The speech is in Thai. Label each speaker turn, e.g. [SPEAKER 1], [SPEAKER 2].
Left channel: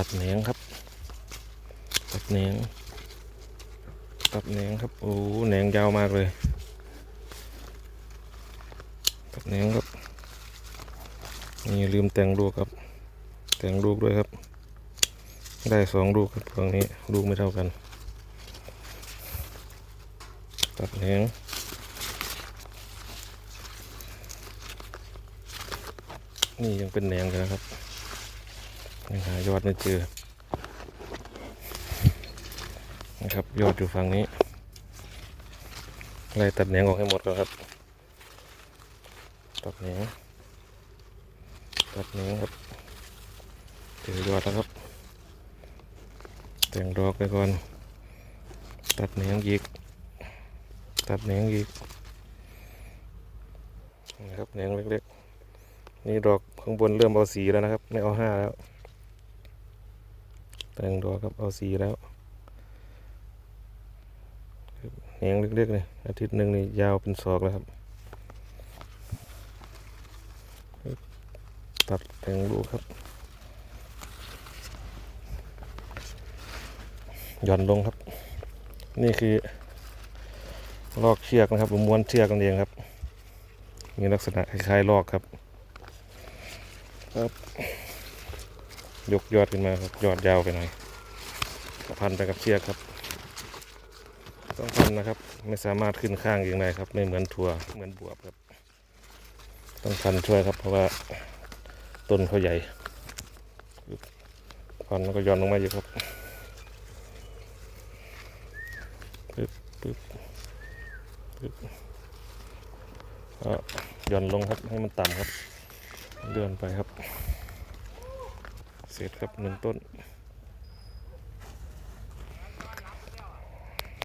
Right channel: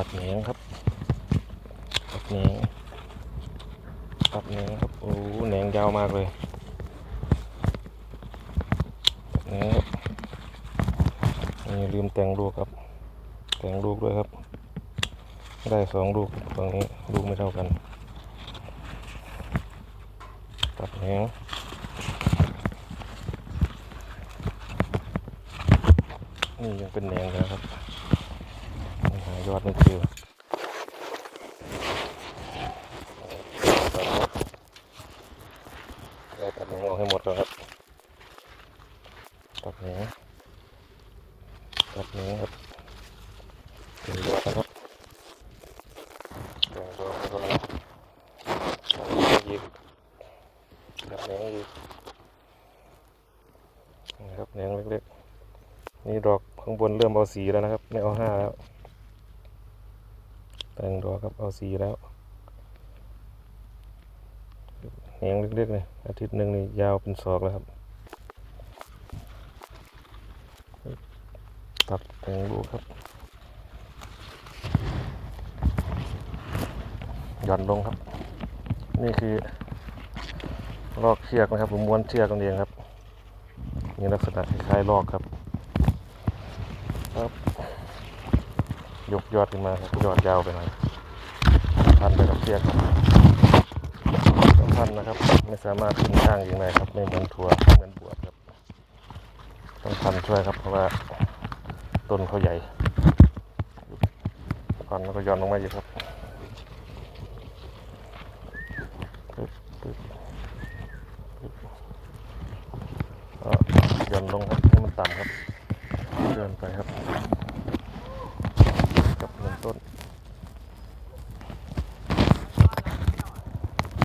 [SPEAKER 1] ตัดแหนงครับ ตัดแหนง ตัดแหนงครับ โอ้แหนงยาวมากเลย ตัดแหนงครับ นี่ลืมแต่งลูกครับ แต่งลูกด้วยครับ ได้สองลูกครับตรงนี้ลูกไม่เท่ากัน ตัดแหนงนี่ยังเป็นแหนงอยู่นะครับ ยังหายอดไม่เจอนะครับยอดอยู่ฝั่งนี้ไล่ตัดแหนงออกให้หมดก่อนครับตัดแหนงตัดแหนงครับถึงยอดนะครับแต่งดอกไปก่อนตัดแหนงอีกตัดแหนงอีกนะครับแหนงเล็กๆนี่ดอกข้างบนเริ่มเอาสีแล้วนะครับ ไม่เอาห้าแล้ว แต่งดอกครับเอาสีแล้วแหงเล็กๆเลยอาทิตย์หนึ่งนี่ยาวเป็นศอกแล้วครับ ตัดแต่งลูกครับหย่อนลงครับ นี่คือลอกเชือกนะครับผมม้วนเชือกกันเองครับ มีลักษณะคล้ายๆลอกครับ ครับ ยกยอดขึ้นมาครับยอดยาวไปหน่อยพันไปกับเชือกครับต้องพันนะครับ ไม่สามารถขึ้นข้างอย่างไรครับ ไม่เหมือนถั่วเหมือนบวบครับ ต้องพันช่วยครับ เพราะว่าต้นเขาใหญ่พันแล้วก็ย้อนลงมาอยู่ครับปึ๊บปึ๊บก็หย่อนลงครับให้มันต่ำครับ เดินไปครับ หนึ่งต้น